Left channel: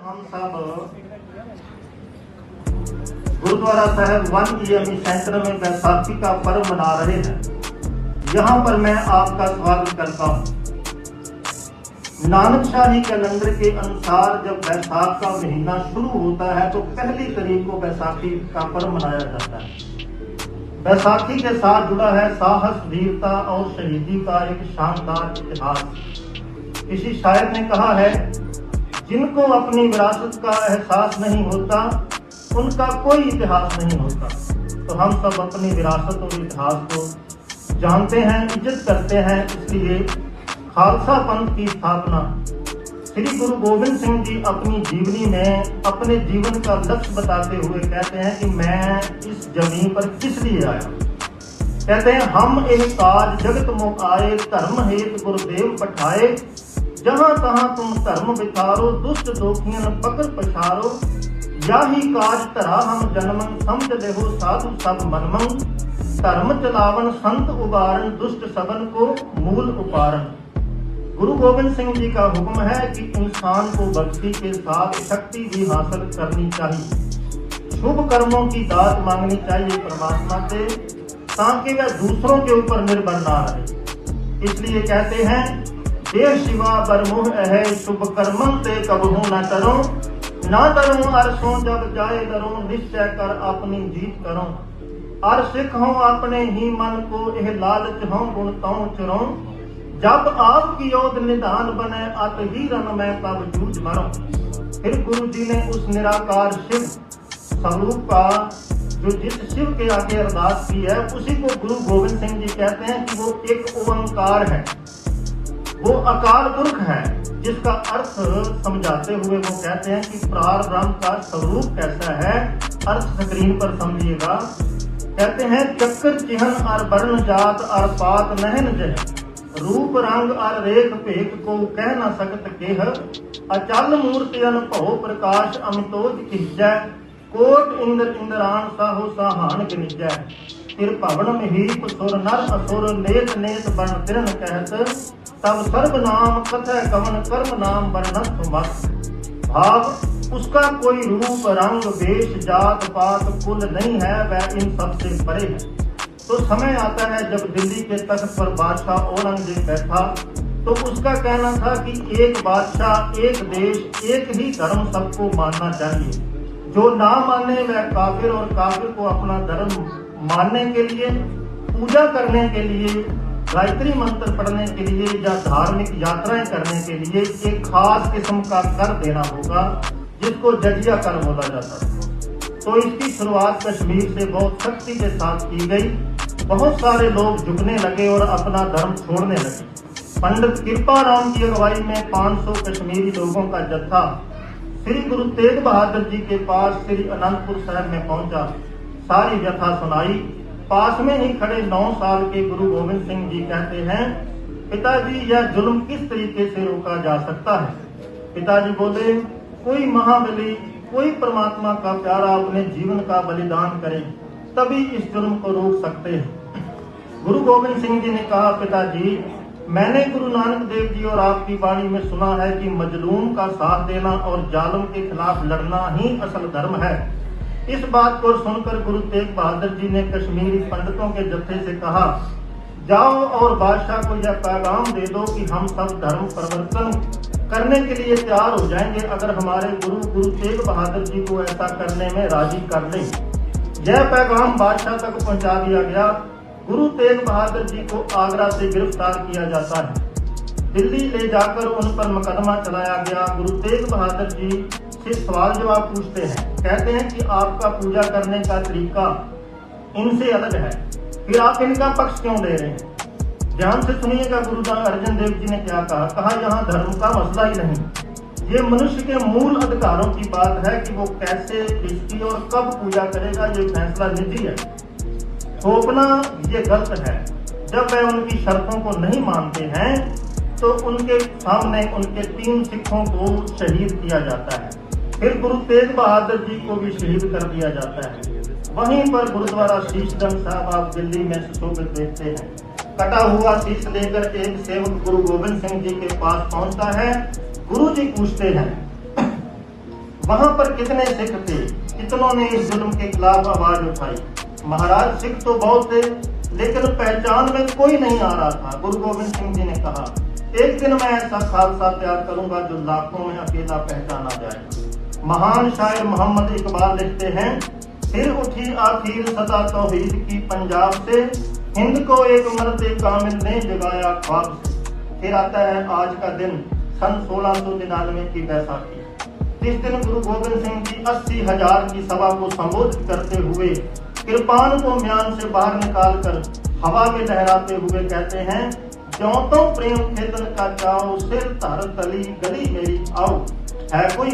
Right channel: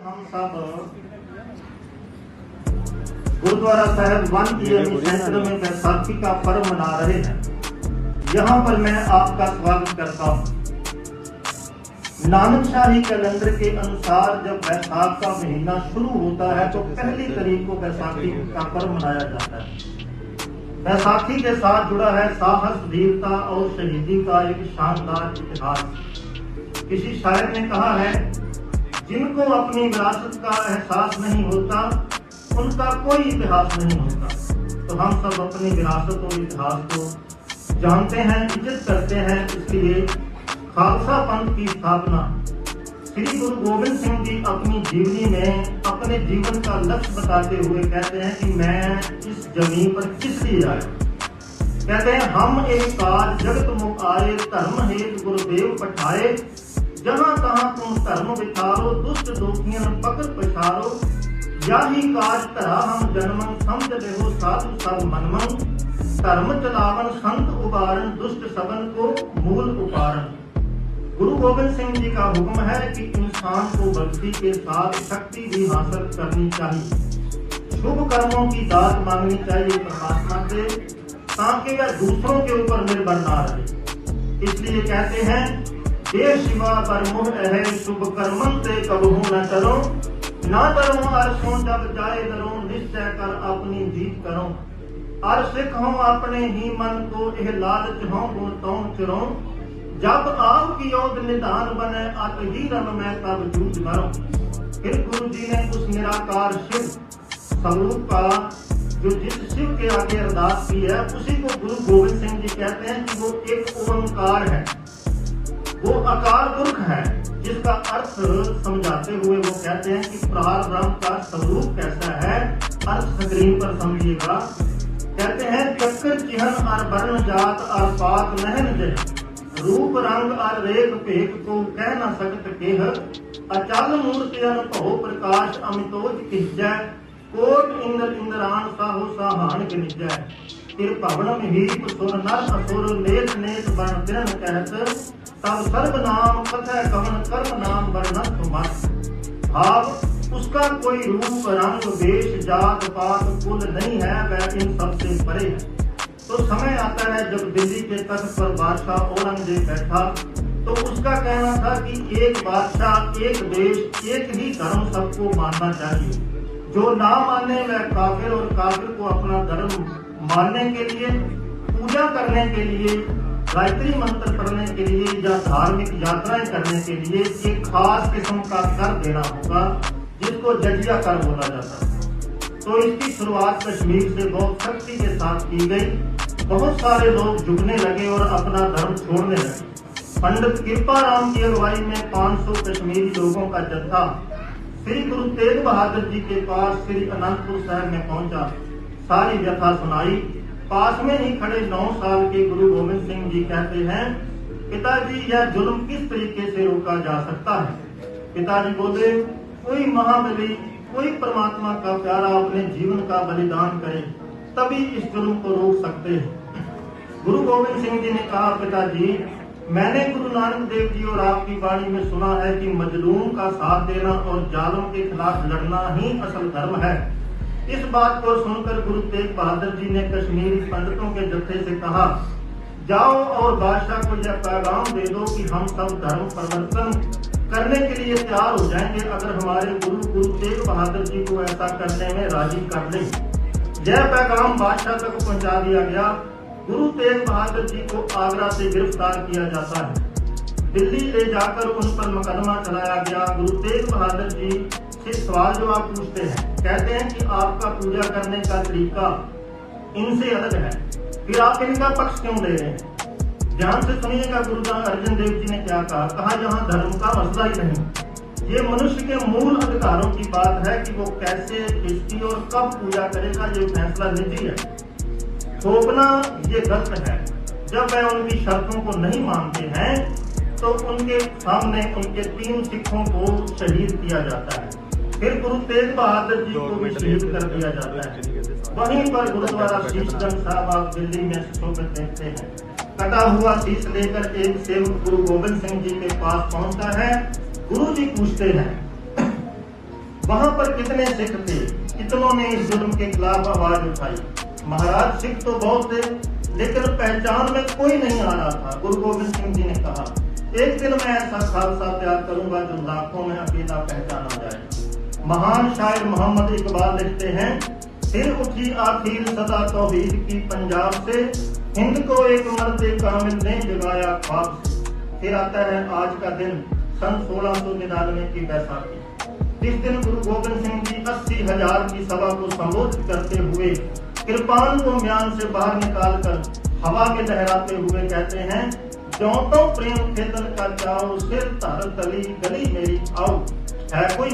हम सब Gurudwara Sahib one EME centre में बैसाखी का पर्व मना रहे हैं। यहाँ पर मैं आपका स्वागत करता हूँ। नानक शाही कैलेंडर के अनुसार जब बैसाख का महीना शुरू होता है तो पहली तारीख को बैसाखी का पर्व मनाया जाता है। बैसाखी के साथ जुड़ा है साहस, वीरता और शहीदी का एक शानदार इतिहास। किसी शायर ने कहा है, जिनको अपनी विरासत का एहसास नहीं होता उनका कोई इतिहास नहीं होता। तो हम सब अपनी विरासत और इतिहास को जानते हैं, इज्जत करते हैं। इसलिए खालसा पंथ की स्थापना श्री गुरु गोविंद सिंह जी अपनी जीवनी में अपने जीवन का लक्ष्य बताते हुए कहते हैं कि मैं इस जमीन पर किस लिए आया। कहते हैं, हम एक काज जगत मोह आए, धर्म हेतु गुरुदेव पठाए। जहाँ तहाँ तुम धर्म विचारो, दुष्ट दोखियन पकड़ पछारो। याही काज धरा हम जन्मन, समझ लेहो साधु सब मनमन। धर्म चलावन संत उबारन, दुष्ट सबन को मूल उपारन। गुरु गोविंद सिंह जी का हुक्म है कि इंसान को भक्ति के साथ शक्ति भी हासिल करनी चाहिए। शुभ कर्मों की दात मांगनी चाहिए परमात्मा से, ताकि वह दूसरों के ऊपर निर्भर ना रहे। इसलिए कहते हैं, देव शिवा बरमुह है शुभ कर्मन से कबहू न करो। ना करो अरसों जब जाए दरो, निश्चय कर अपनी जीत करो। अर सिख हो अपने ही मन को, यह लालच हो गुण तौ चुरो। जब आप की योद निधान बने, अत ही रंग में तब जूझ मरो। फिर गुरु जी ने उस निराकार शिव स्वरूप का जो जिस शिव के आगे अरदास की है, उसी को गुरु गोविंद सिंह जी कहते हैं कि वो एक ओंकार है, वो अकाल पुरख है। जिसका अर्थ समझाते हुए वो कहते हैं कि प्रारब्ध का स्वरूप कैसा है, अर्थ स्क्रीन पर समझिएगा। कहते हैं, चक्कर चिन्ह और वर्ण जात और पात नहन जय। रूप रंग और रेख भेद को कह न सकत केह। अचल मूर्ति अनुभव प्रकाश अमितोज किजय। कोट इंद्र इंद्रान साहु साहान गिनिजय। फिर भवन में ही सुर नर असुर, नेत नेत बन तिरन कहत। तब सर्व नाम कथय कवन, कर्म नाम वर्णत मत। भाव उसका कोई रूप रंग वेश जात पात कुल नहीं है, वह इन सबसे परे है। तो समय आता है जब दिल्ली के तख्त पर बादशाह औरंगजेब बैठा, तो उसका कहना था कि एक बादशाह, एक देश, एक ही धर्म सबको मानना चाहिए। जो ना माने वह काफिर, और काफिर को अपना धर्म मानने के लिए, पूजा करने के लिए, गायत्री मंत्र पढ़ने के लिए या धार्मिक यात्राएं करने के लिए एक खास किस्म का कर देना होगा, जिसको जजिया कर बोला जाता है। तो इसकी शुरुआत कश्मीर से बहुत सख्ती के साथ की गई। बहुत सारे लोग झुकने लगे और अपना धर्म छोड़ने लगे। पंडित कृपाराम की अगुवाई में 500 कश्मीरी लोगों का जत्था श्री गुरु तेग बहादुर जी के पास श्री अनंतपुर साहिब में पहुंचा। सारी व्यथा सुनाई। पास में ही खड़े 9 साल के गुरु गोविंद सिंह जी कहते हैं, पिताजी यह जुल्म किस तरीके से रोका जा सकता है। पिताजी बोले, कोई महाबली, कोई परमात्मा का प्यारा अपने जीवन का बलिदान करे, तभी इस जुल्म को रोक सकते हैं। गुरु गोविंद सिंह जी ने कहा, पिताजी मैंने गुरु नानक देव जी और आपकी वाणी में सुना है कि मजलूम का साथ देना और जालिम के खिलाफ लड़ना ही असल धर्म है। इस बात को सुनकर गुरु तेग बहादुर जी ने कश्मीरी पंडितों के जत्थे से कहा, जाओ और बादशाह को यह पैगाम दे दो कि हम सब धर्म परिवर्तन करने के लिए तैयार हो जाएंगे, अगर हमारे गुरु तेग बहादुर जी को ऐसा करने में राजी कर ले। यह पैगाम बादशाह तक पहुंचा दिया गया। गुरु तेग बहादुर जी को आगरा से गिरफ्तार किया जाता है। दिल्ली ले जाकर उन पर मुकदमा चलाया गया। गुरु तेग बहादुर जी से सवाल जवाब पूछते हैं। कहते हैं कि आपका पूजा करने का तरीका इनसे अलग है, फिर आप इनका पक्ष क्यों ले रहे हैं। ध्यान से सुनिएगा गुरु अर्जन देव जी ने क्या कहा। कहा, यहाँ धर्म का मसला ही नहीं, ये मनुष्य के मूल अधिकारों की बात है कि वो कैसे, किसकी और कब पूजा करेगा, ये फैसला निजी है। थोपना ये गलत है। जब वह उनकी शर्तों को नहीं मानते हैं तो उनके सामने उनके 3 सिखों को शहीद किया जाता है। फिर गुरु तेग बहादुर जी को भी शहीद कर दिया जाता है। वहीं पर गुरुद्वारा शीशगंज साहब आप दिल्ली में सुशोभित देखते हैं। कटा हुआ शीश लेकर एक सेवक गुरु गोविंद सिंह जी के पास पहुंचता है। गुरु जी पूछते हैं, वहां पर कितने सिख थे, कितनों ने इस जुल्म के खिलाफ आवाज उठाई। महाराज सिख तो बहुत थे, लेकिन पहचान में कोई नहीं आ रहा था। गुरु गोविंद सिंह जी ने कहा, एक दिन मैं ऐसा खालसा तैयार करूंगा जो लाखों में अकेला पहचाना जाए। महान शायर मोहम्मद इकबाल लिखते हैं, फिर उठी आखिर सदा तौहीद की पंजाब से, हिंद को एक मर्द कामिल ने जगाया ख्वाब से। फिर आता है आज का दिन, सन 1699 की बैसाखी। इस दिन गुरु गोविंद सिंह जी 80,000 की सभा को संबोधित करते हुए कृपान को म्यान से बाहर निकालकर हवा में लहराते हुए कहते हैं, ज्यों तो प्रेम खेतन का चाओ, सिर धर गली गली मेरी आओ। है कोई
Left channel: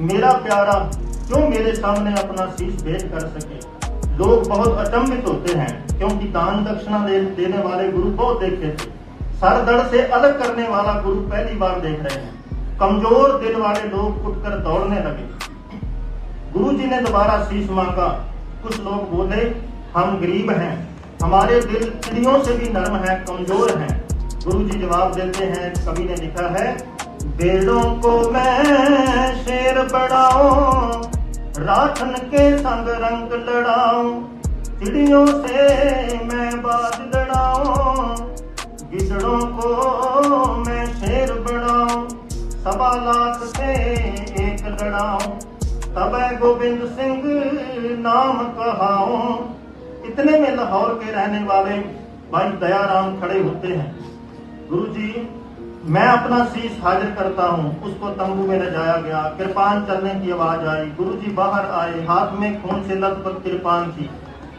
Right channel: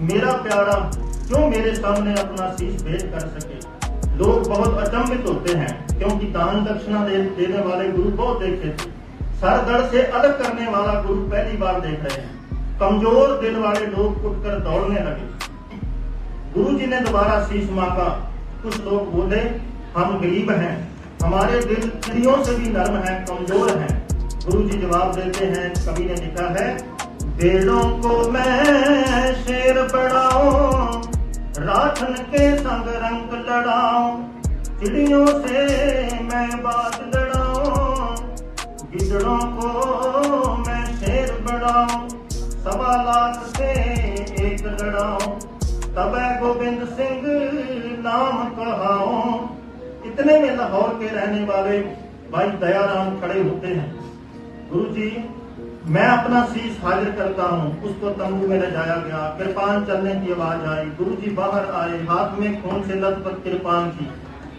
मेरा प्यारा, क्यों मेरे सामने अपना शीश भेंट कर सके। लोग बहुत अचंभित होते हैं, क्योंकि दान दक्षिणा देने वाले गुरु बहुत देखे थे, सर धड़ से अलग करने वाला गुरु पहली बार देख रहे हैं। कमजोर दिल वाले लोग उठकर दौड़ने लगे। गुरु जी ने दोबारा शीश मांगा। कुछ लोग बोले, हम गरीब हैं, हमारे दिल चिड़ियों से भी नरम है, कमजोर हैं। गुरु जी जवाब देते हैं, कवि ने लिखा है, बेड़ों को मैं शेर बढ़ाऊं, राखन के संग रंग लड़ाऊं, चिड़ियों से मैं बाज लड़ाऊं, गिदड़ों को मैं शेर बढ़ाऊं, 1.25 लाख से एक लड़ाऊं, तब गोविंद सिंह नाम कहाऊं। इतने में लाहौर के रहने वाले भाई दयाराम खड़े होते हैं। गुरु जी, मैं अपना शीश हाजिर करता हूँ। उसको तंबू में ले जाया गया। कृपान चलने की आवाज आई। गुरु जी बाहर आए, हाथ में खून से लथपथ कृपान की।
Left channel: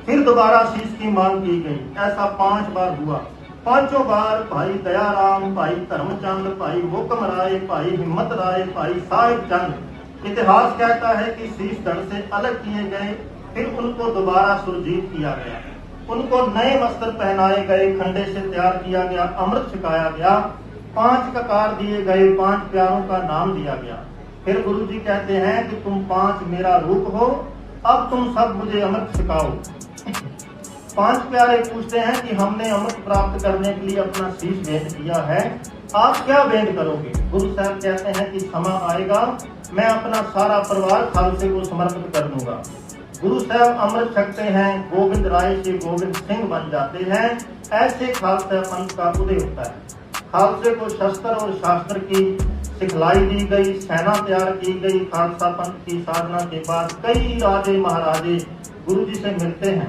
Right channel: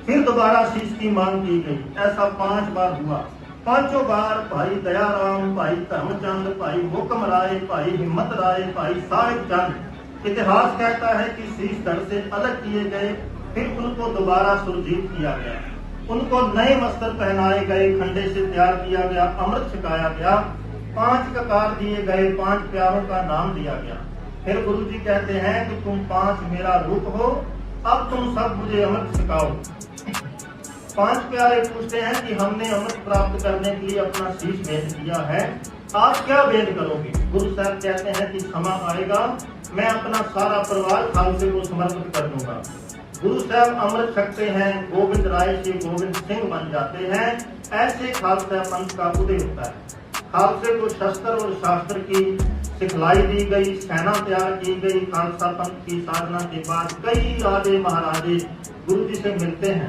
फिर दोबारा शीश की मांग की गई। ऐसा 5 बार हुआ। 5 बार भाई दयाराम, भाई धर्मचंद, भाई हुक्म राय, भाई हिम्मत राय, भाई साहिब चंद, इतिहास कहता है कि शीश धड़ से अलग किए गए। फिर उनको दोबारा सुरजीत किया गया, उनको नए वस्त्र पहनाए गए, खंडे से तैयार किया गया, अमृत छिकाया गया, 5 ककार दिए गए, 5 प्यारों का नाम दिया गया। फिर गुरु जी कहते हैं कि तुम 5 मेरा रूप हो, अब तुम सब मुझे अमृत छिकाओ। 5 प्यारे पूछते हैं कि हमने अमृत प्राप्त करने के लिए अपना शीश भेंट किया है, आप क्या भेंट करोगे। गुरु साहब कहते हैं कि समय आएगा, मैं अपना सारा परिवार खालसे को समर्पित कर दूंगा। गुरु साहब अमृत छकते हैं, गोविंद राय से गोविंद सिंह बन जाते हैं। ऐसे खालसा पंथ का उदय होता है। खालसे को शस्त्र और शास्त्र की सिखलाई दी गई, सेना तैयार की गई। खालसा पंथ की साधना के बाद कई राजे महाराजे गुरु जी से मिलते हैं,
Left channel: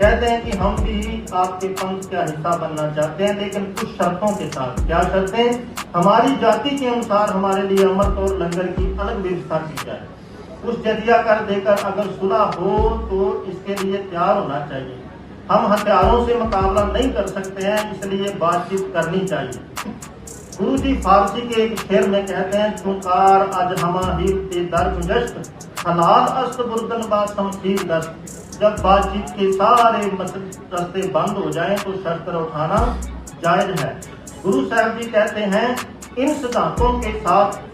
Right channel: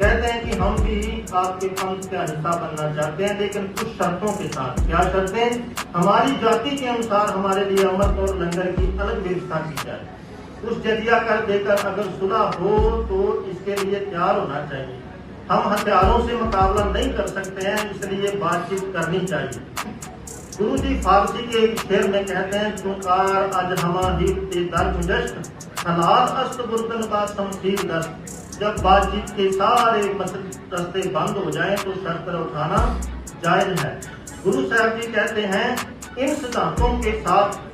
कहते हैं कि हम भी आपके पंथ का हिस्सा बनना चाहते हैं, लेकिन कुछ शर्तों के साथ। क्या शर्तें? हमारी जाति के अनुसार हमारे लिए अमृत और लंगर की अलग व्यवस्था की जाए। उस जजिया कर देकर अगर सुलह हो तो इसके लिए तैयार होना चाहिए। हम हथियारों से मुकाबला नहीं कर सकते हैं, इसलिए बातचीत करनी चाहिए। गुरु जी फारसी के एक शेर में कहते हैं, चुकार आज हमारी दर्द जश्न, हालात अस्त बुर्दन बा समसीर दस्त। जब बातचीत के सारे रास्ते बंद हो जाएं तो शर्त उठाना जायज है। गुरु साहब जी कहते हैं, इन सिद्धांतों के साथ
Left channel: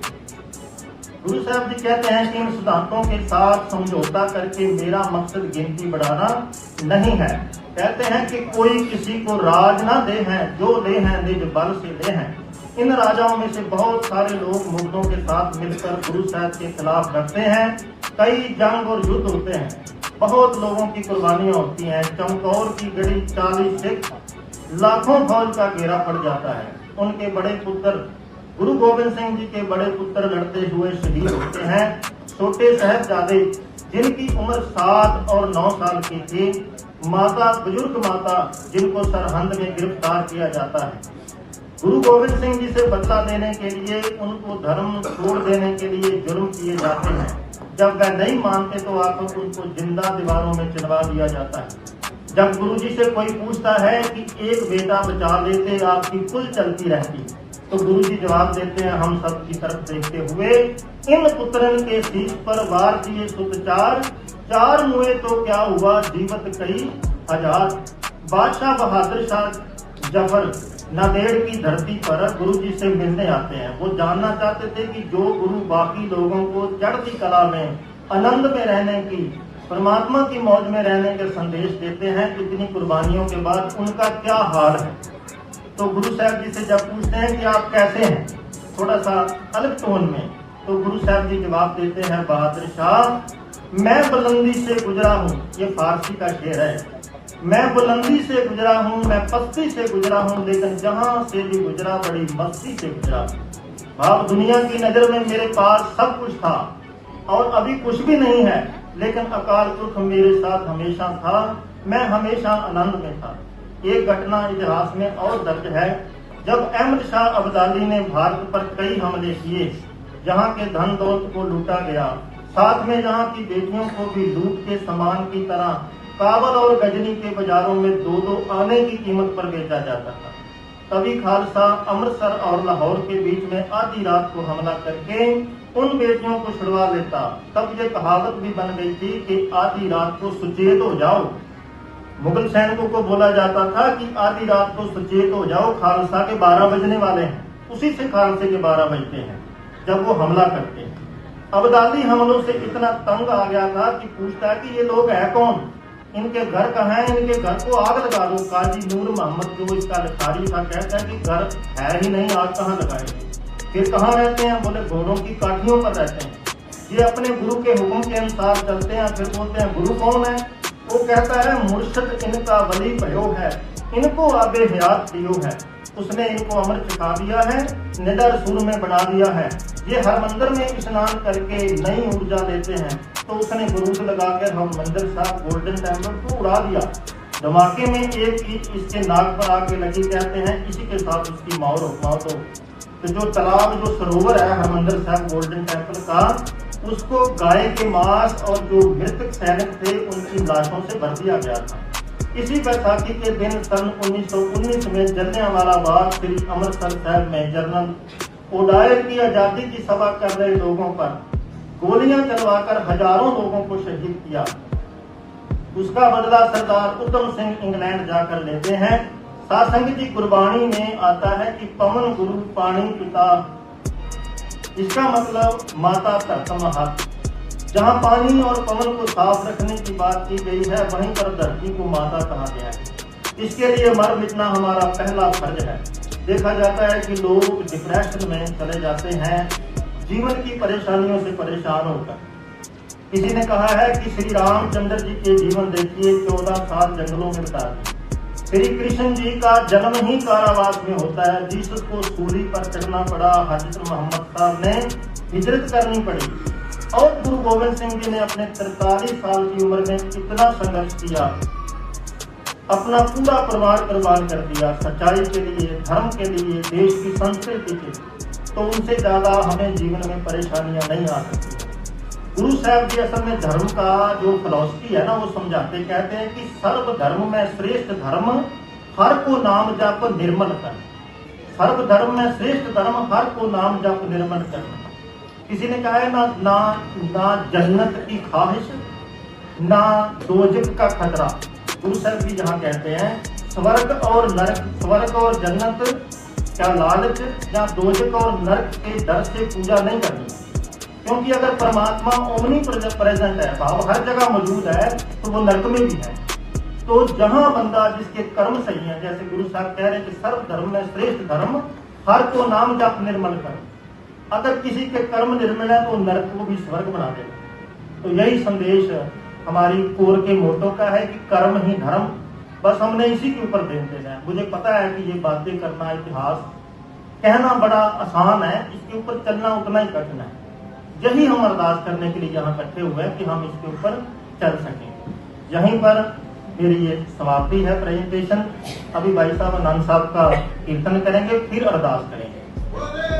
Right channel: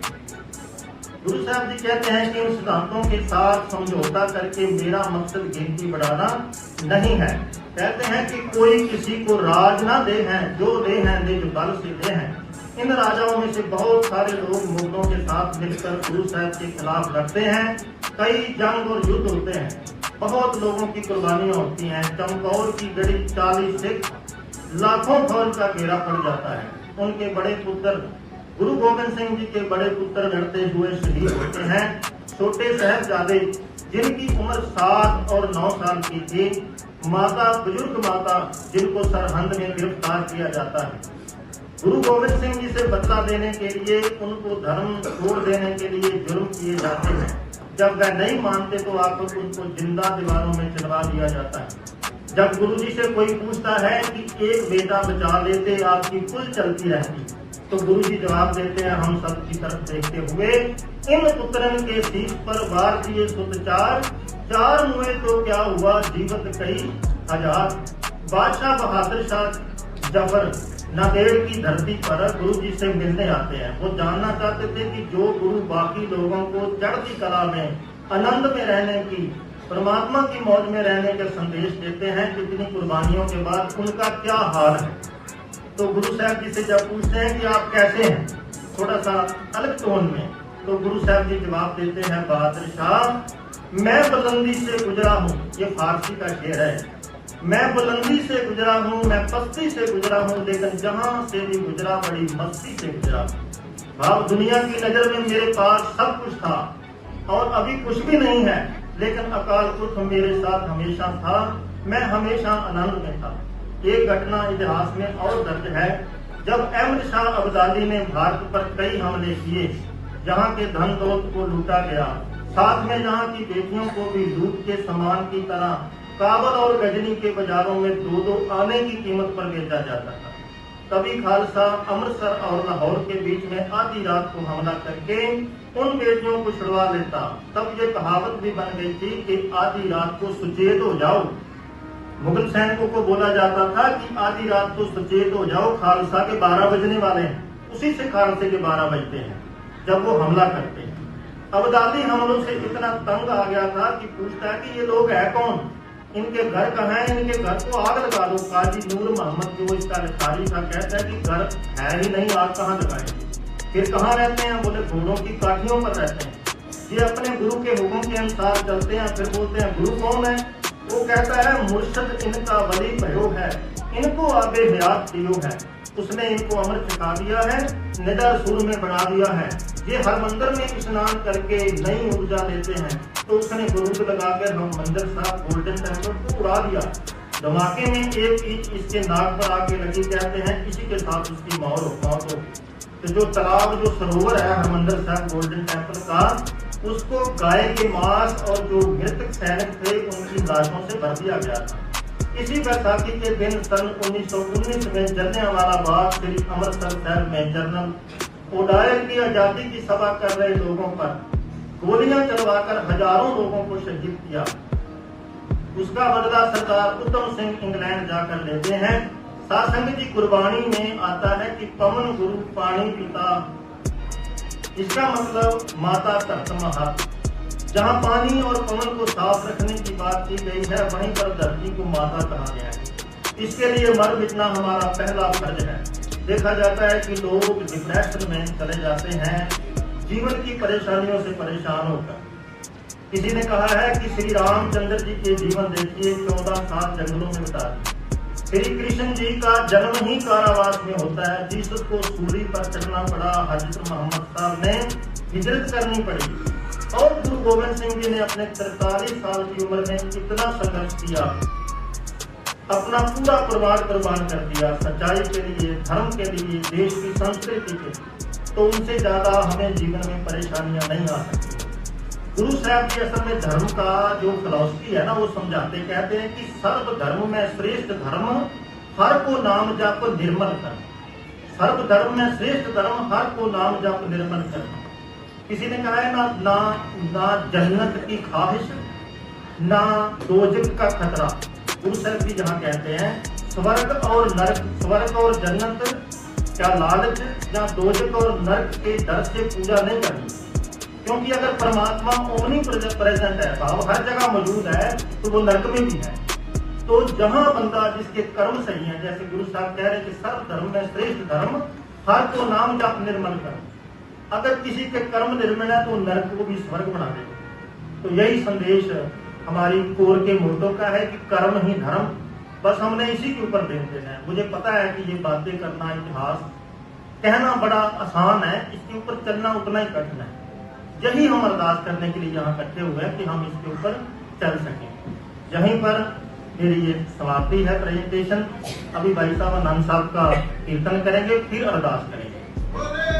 इन सिद्धांतों के साथ समझौता करके मेरा मकसद गिनती बढ़ाना नहीं है। कहते हैं कि कोई किसी को राज ना दे हैं, जो दे हैं निज बल से दे हैं। इन राजाओं में से बहुत सारे लोग मुगलों के साथ मिलकर गुरु साहब के खिलाफ लड़ते हैं। कई जंग और युद्ध होते हैं, बहुत लोगों की कुर्बानियां होती हैं। चमकौर की गढ़ी 40 सिख, लाखों फौज का घेरा पड़ जाता है। उनके बड़े पुत्र गुरु गोविंद सिंह जी के बड़े पुत्र लड़ते हुए शहीद होते हैं। छोटे साहिबजादे जिनकी उम्र 7 और 9 साल की थी, माता बुजुर्ग माता जिनको सरहंद में गिरफ्तार किया जाता है। गुरु गोविंद सिंह जी से बदला देने के लिए, उनको धर्म छोड़ देने के लिए जुर्म किए जाते हैं। जब वह नहीं मानते तो आपको उनको जिंदा दीवारों में चिनवा दिया जाता है। जब गुरु जी से कोई पूछता है कि एक बेटा बचा लेते आपकी कुल चलती रहती, तो गुरु जी जवाब देते हैं, हम सब की तरफ देखते हुए इन पुत्रन के शीश पर वार दिए सुत 4 मुए तो क्या हुआ जीवत कई 1000। बादशाह बहादुर शाह जफर नांदेड़ की धरती पर गुरु जी से मिलने आते हैं। वो जानना चाहते थे कि जो गुरु बाकी लोगों को चढ़ती कला में, आनंद में रहने की, परमात्मा की मौज में रहने के संदेश देते हैं, कितनी कुर्बानियों के बाद उनका क्या हाल है। तो गुरु साहब जी से जब पूछते हैं कि आप कैसे हैं, थोड़ा सा अलग टोन में, तो गुरु साहब जी जवाब देते हैं, बहादुर शाह मैं बुलंदी से गुजरा हूँ, ये फारसी का शेर है, मैं बुलंदी से गुजरा हूँ, मैं पस्ती से गुजरा हूँ, लेकिन जहाँ से भी गुजरा बड़ी मस्ती से गुजरा। भाव दुनिया की नजर में मेरे पास सब कुछ था और अभी कुछ भी नहीं है, लेकिन अकाल पुरख मेरे साथ हमेशा था, मैं हमेशा आनंद में था। एक घटना इतिहास में और दर्ज है, जब अहमद शाह अब्दाली ने भारत पर कई हमले किए, जहाँ के धन दौलत को लूटा गया, साथ में जहाँ की बेटियों को भी लूट के सामान की तरह काबुल और गजनी के बाजारों में 2-2 आने की कीमत पर बेचा जाता था। तभी खालसा अमृतसर और लाहौर के बीच में आधी रात को हमला करके उन बेटियों को छुड़वा लेता। तब ये कहावत भी बन गई थी कि आधी रात को सुचेत हो जाओ। मुगल सैनिकों को बोला जाता था कि आधी रात को सुचेत हो जाओ, खालसा के 12 बजने वाले हैं। उसी से खालसे के 12 बजते हैं जब वो हमला करते हैं। अब्दाली हमलों से इतना तंग आ गया था कि पूछता है कि ये लोग है कौन, इनके घर कहाँ है, इनके घर को आग लगा दो। काजी नूर मोहम्मद जो इसका अधिकारी था कहता है कि घर है ही नहीं, आग कहाँ लगाएंगे। फिर कहाँ रहते हैं, बोले घोड़ों की काठियों पर रहते हैं। ये अपने गुरु के हुक्म के अनुसार चलते हैं। फिर बोलते हैं गुरु कौन है, वो कहता है मुर्शद इनका वली भयो है, इनको आबे हयात दियो है, उसने इनको अमृत सिखा दिया है, निडर सुर में बढ़ा दिया है। ये हर मंदिर में स्नान करके नई ऊर्जा लेते हैं। तो उसने गुरूर लगाकर हम मंदिर साहब गोल्डन टेम्पल को उड़ा दिया। धमाके में एक ईंट इसके नाक पर आके लगी, कहते हैं इसी के साथ उसकी मौत हो। तो जो तालाब जो सरोवर है हरमंदिर साहब गोल्डन टेम्पल का, उसको गाय के मांस और जो मृतक सैनिक थे उनकी लाशों से भर दिया गया था। इसी बैसाखी के दिन सन 1919 में जलियांवाला बाग श्री अमृतसर शहर में जनरल ओडायर की आजादी की सभा कर रहे लोगों पर गोलियां चलवाकर हजारों लोगों को शहीद किया। उसका बदला सरदार उत्तम सिंह इंग्लैंड जाकर लेते हैं। सासंग जी गुरबाणी में आता है कि पवन गुरु पानी पिता, इसका मतलब माता धरती हाथ। जहाँ पानी और पवन को साफ रखने की बात की गई है, वहीं पर धरती को माता कहा गया है। इसके लिए मर मिटना हमारा पहला फर्ज है। देखा जाता है कि लोग डिप्रेशन में चले जाते हैं, जीवन की परेशानियों से परेशान होकर। किसी ने कहा है कि श्री रामचंद्र जी के जीवन देखिए, 14 साल जंगलों में बिता दिए। श्री कृष्ण जी का जन्म ही कारावास में होता है, जिसको सूली पर चढ़ना पड़ा। हजरत मोहम्मद साहब ने हिजरत करनी पड़ी और गुरु गोविंद सिंह जी ने अपने 43 साल की उम्र में कितना संघर्ष किया, अपना पूरा परिवार कुर्बान कर दिया सच्चाई के लिए, धर्म के लिए, देश की संस्कृति के लिए। तो उनसे ज्यादा हमें जीवन में परेशानियां नहीं आ सकती। गुरु साहब जी असल में धर्म का जो फिलॉसफी है ना, वो समझाते कहते हैं कि सर्व धर्म में श्रेष्ठ धर्म हर को नाम जप निर्मल कर। सर्व धर्म में श्रेष्ठ धर्म हर को नाम जप निर्मल कर। किसी ने कहा है ना जन्नत की ख्वाहिश, ना दोजख का खतरा। गुरु साहब भी जहाँ कहते हैं स्वर्ग और नरक, स्वर्ग और जन्नत क्या लालच या दोजख और नरक के डर से पूजा नहीं करनी। क्योंकि अगर परमात्मा ओमनी प्रेजेंट है, भाव हर जगह मौजूद है, तो वो नरक में भी है। तो जहाँ बंदा जिसके कर्म सही है, जैसे गुरु साहब कह रहे कि सर्व धर्म में श्रेष्ठ धर्म हर को नाम जप निर्मल कर। अगर किसी के कर्म निर्मल है तो नरक को भी स्वर्ग बना देगा। तो यही संदेश हमारी कोर के मोटो का है कि कर्म ही धर्म। बस हमने इसी के ऊपर ध्यान देना है। मुझे पता है कि ये बातें करना, इतिहास कहना बड़ा आसान है, इसके ऊपर चलना उतना ही कठिन है। यही हम अरदास करने के लिए यहाँ इकट्ठे हुए हैं कि हम इसके ऊपर चल सकें। यहीं पर मेरी ये समाप्ति है प्रेजेंटेशन। अभी भाई साहब आनंद साहब का कीर्तन करेंगे, फिर अरदास करेंगे।